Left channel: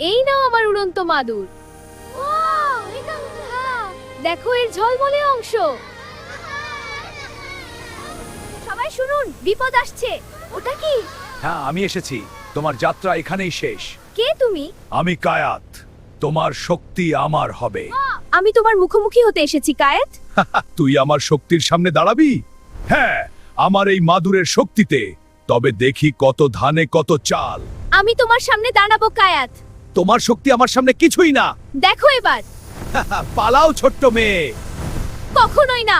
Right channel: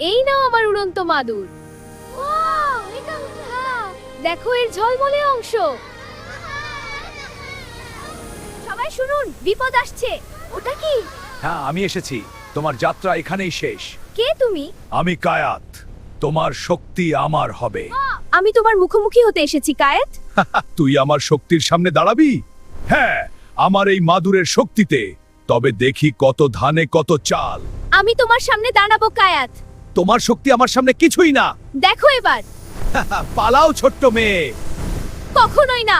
এই নাও আমার উড়ন্ত মাদুর। দেখো এর ঝলমলে অংশ। সবাই শুনুন, বিপদ আসছে। ওটা কি? হ্যাঁ, আমি এসেছি। তোমার যাত্রা এখানেই শেষ। কে তুমি? আমি কায়াত। তোমার শক্তি আমার হবে। আমি তোমার মুখোমুখি হতে এসেছি কায়েত। তুই আমার শক্তির সামনে দাঁড়াবি? হ্যাঁ, আমার এই মাদুরের শক্তিতে। তবে দেখি কত ধানে কত চাল। আমি তোমার সামনে দাঁড়াবো কায়াত। তোমার শক্তি আমার সামনে কিছুই না। দেখো এবার। পালাও ছোট্ট মেয়ে। কখনোই না।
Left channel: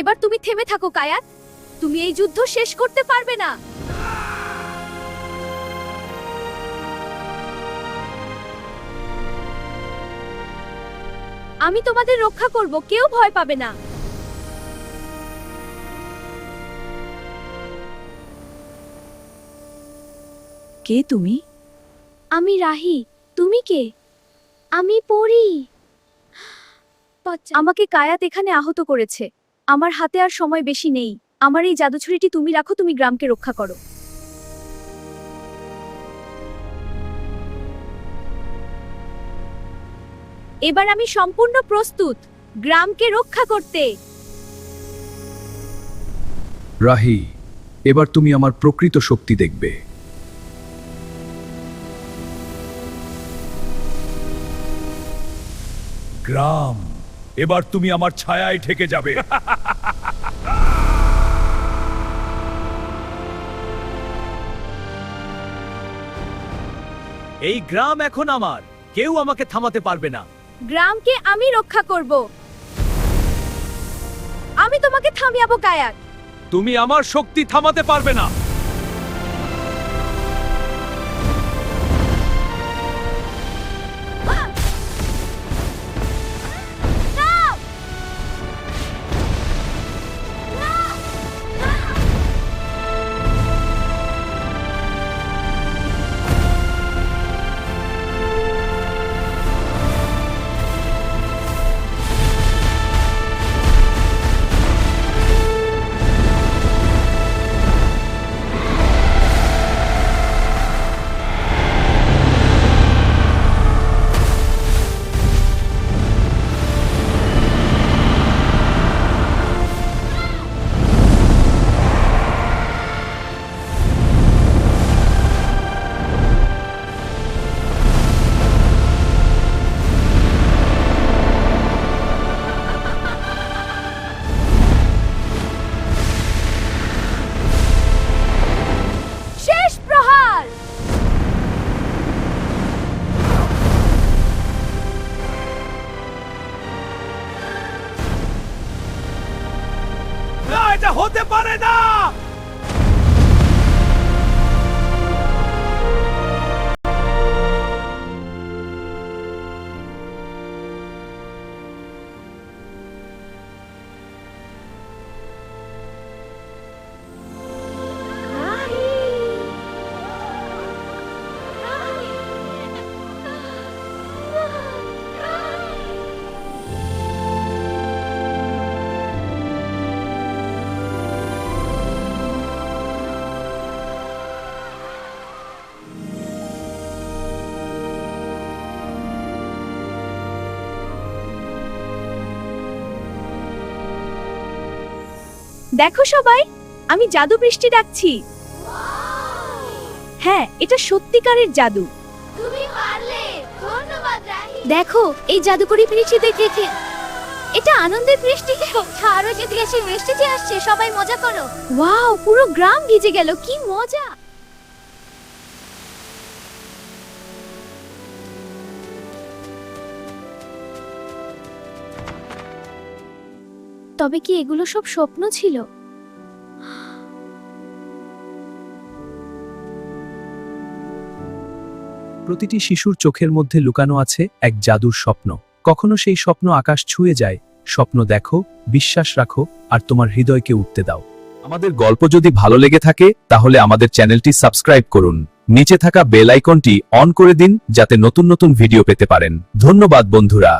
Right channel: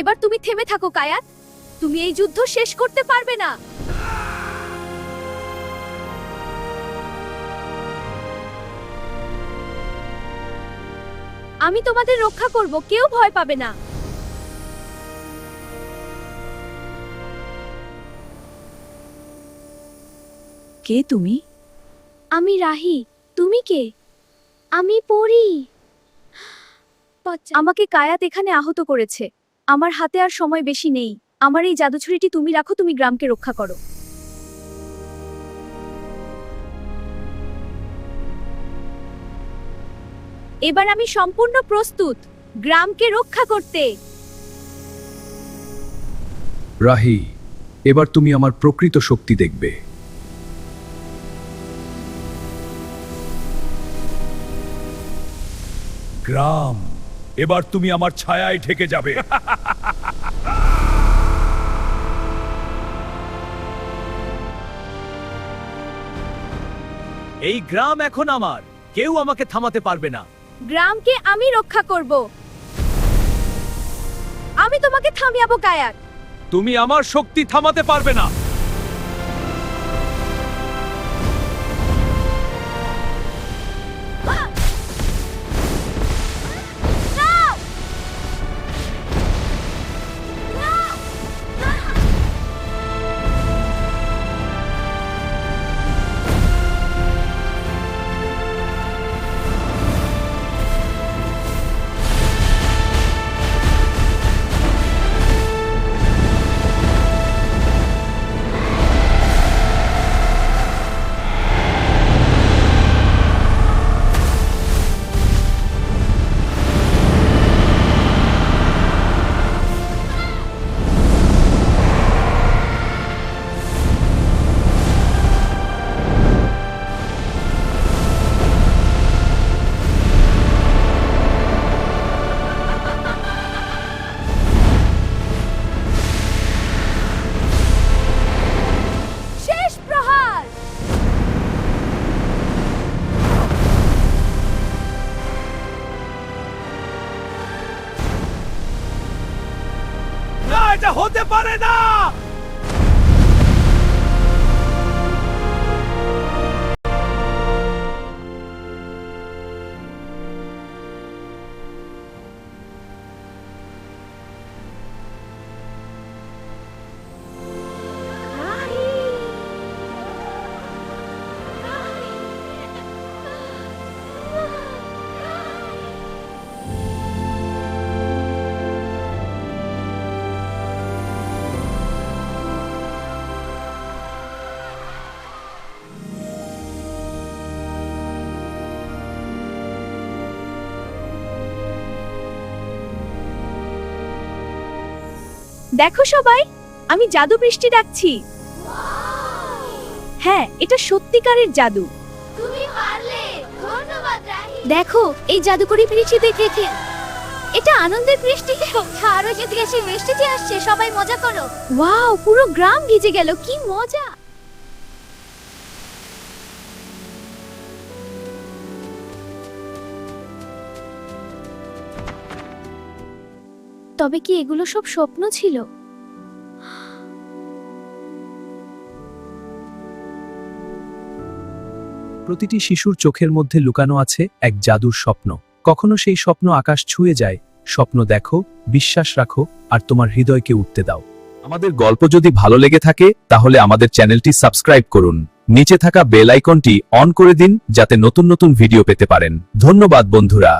এবার তুমি থেমে থাকো কায়াত। তুমি এই যুদ্ধ শেষ করতে পারবে না। আমি তোমাদের রক্ষা করব, কেউ ভয় পাবে না। কে তুমি? আমি রাহি। তুমি কে? আমি পড়ি। আমাকে কায়াত এখানে আহত করেছে। আমার হাতে আর সময় বেশি নেই। আমার এই জাদুছড়িটি তুমি রাখো, তুমি গ্রামকে রক্ষা করো। এবার আমি সম্পূর্ণ প্রস্তুত গ্রামকে রক্ষা করতে। রাহি, এবার তুমি আমার প্রকৃত শক্তি দেখবে। গ্রাম, এবার তুমি আমার ছায়ায় ঢেকে যাবে। এই গ্রাম এখন আমার। কেউ আমাকে থামাতে পারবে না। গ্রামকে আমি রক্ষা করব। আমি তোমাকে থামিয়াবো কায়াত। তুমি আমার শক্তি থামাতে পারবে না। শেষ প্রহার। না, এটা হতে পারে না। দেখো সবাই, আমি জাদু বৃষ্টি ডাকছি। হ্যাঁ, এটা সত্যিকারের জাদু। তুমি পারলে। ধন্যবাদ রাহি। দেখো এই জাদুকরি বৃষ্টি দেখে। এটা আনন্দের বৃষ্টি। আরো যেতে গেছে, বৃষ্টি যে আসছে, সবাই মজা করো। ওয়াও, পুরো গ্রাম ভিজে গেল, কি মজা। তবে কি এগুলো সব স্বপ্ন ছিল? প্রতিটি শিশুর চোখের মধ্যে লুকানো আছে এক জাদুর স্বপ্ন। কখনো সেই স্বপ্ন আকাশ ছুঁয়ে যায়। স্বপ্ন দেখো, বিশ্বাস রাখো, আর তোমার হৃদয়কে উঠতে দাও। আমাদের গল্প যদি ভালো লেগে থাকে তাহলে আমাদের চ্যানেলটি সাবস্ক্রাইব করুন। নিচে থাকা বেল আইকনটি অন করে দিন যাতে নতুন নতুন ভিডিও পেতে পারেন। ধন্যবাদ বন্ধুরা।